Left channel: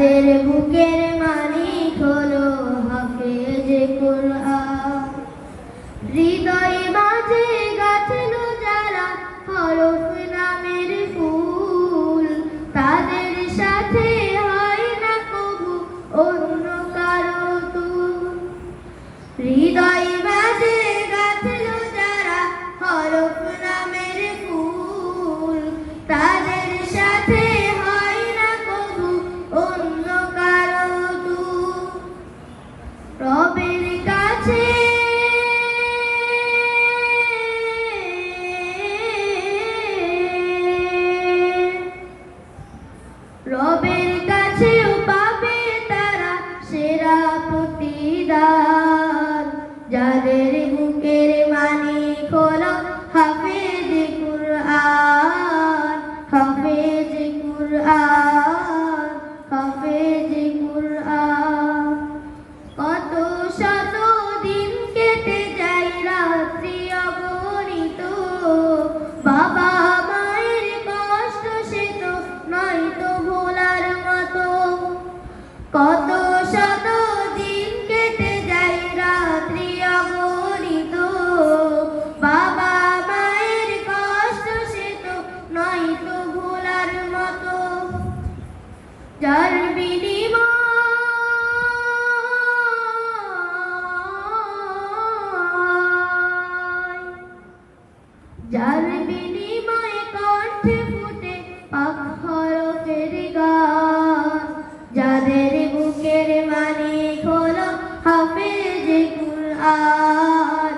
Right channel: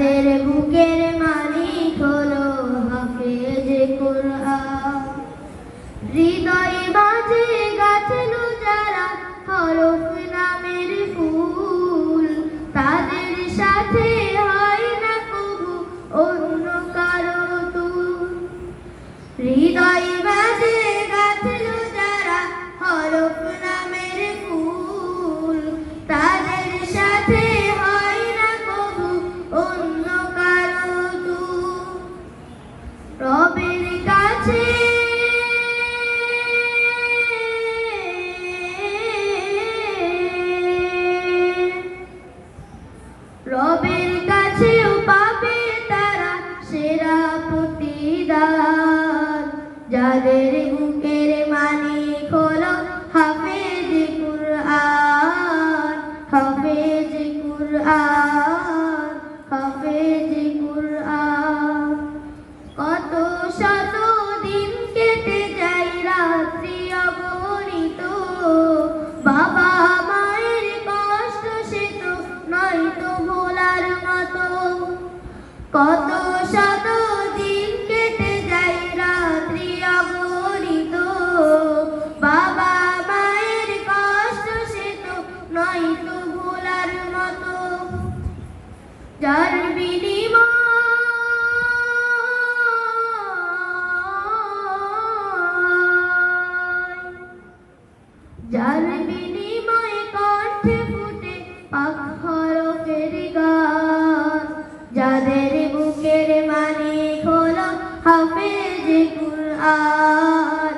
যাদের বুকের মালিক হলো হাফেজ কুরআন। হৃদয় মাঝে গাছলো যারা হরফ নামের ফুল, তাদের সাথে হয় না কবু অন্য কারো তুল। হৃদয় মাঝে গাছলো যারা হরফ নামের ফুল, তাদের সাথে হয় না কবু অন্য কারো তুল। রবের কাছে রবের কাছেও পাবে তারা সেরা প্রতিদান, যাদের বুকের মালিক হলো হাফেজ কুরআন। হাফেজ কুরআন, হাফেজ কুরআন। কত শত দিন কেটে যায় রাত্রি অগণিত, বাবা মায়ের কষ্ট সে তো নয়তো ভোলার মতো। কত শত দিন কেটে যায় রাত্রি অগণিত, বাবা মায়ের কষ্ট সে তো নয়তো ভোলার মতো। যার বিনিময় যার বিনিময়ে কণ্ঠে ফুটে পাক হরফের গান, যাদের বুকের মালিক হলো হাফেজ কুরআন।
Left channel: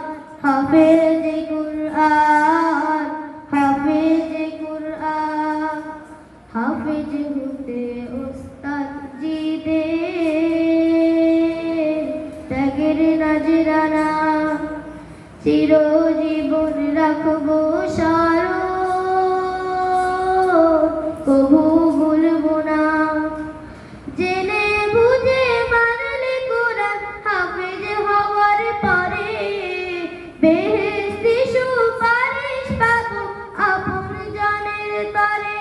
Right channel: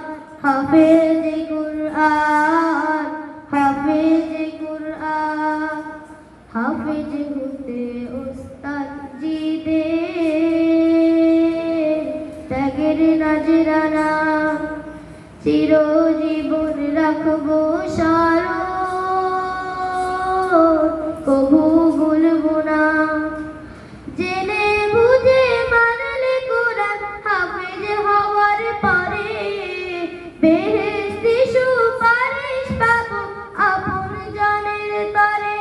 হাফেজ কুরআন, হাফেজ কুরআন। হাফেজ হতে উস্তাদ জিদের ত্যাগের নজরানা চিরজীবন রাখবো স্মরণ, কবু ভুলবো না। জেনে বুঝে মানলে কুরআন হাফেজ হওয়ার পরে, বেহেশতি সুপারিশ পাবো আপন জনের তরে।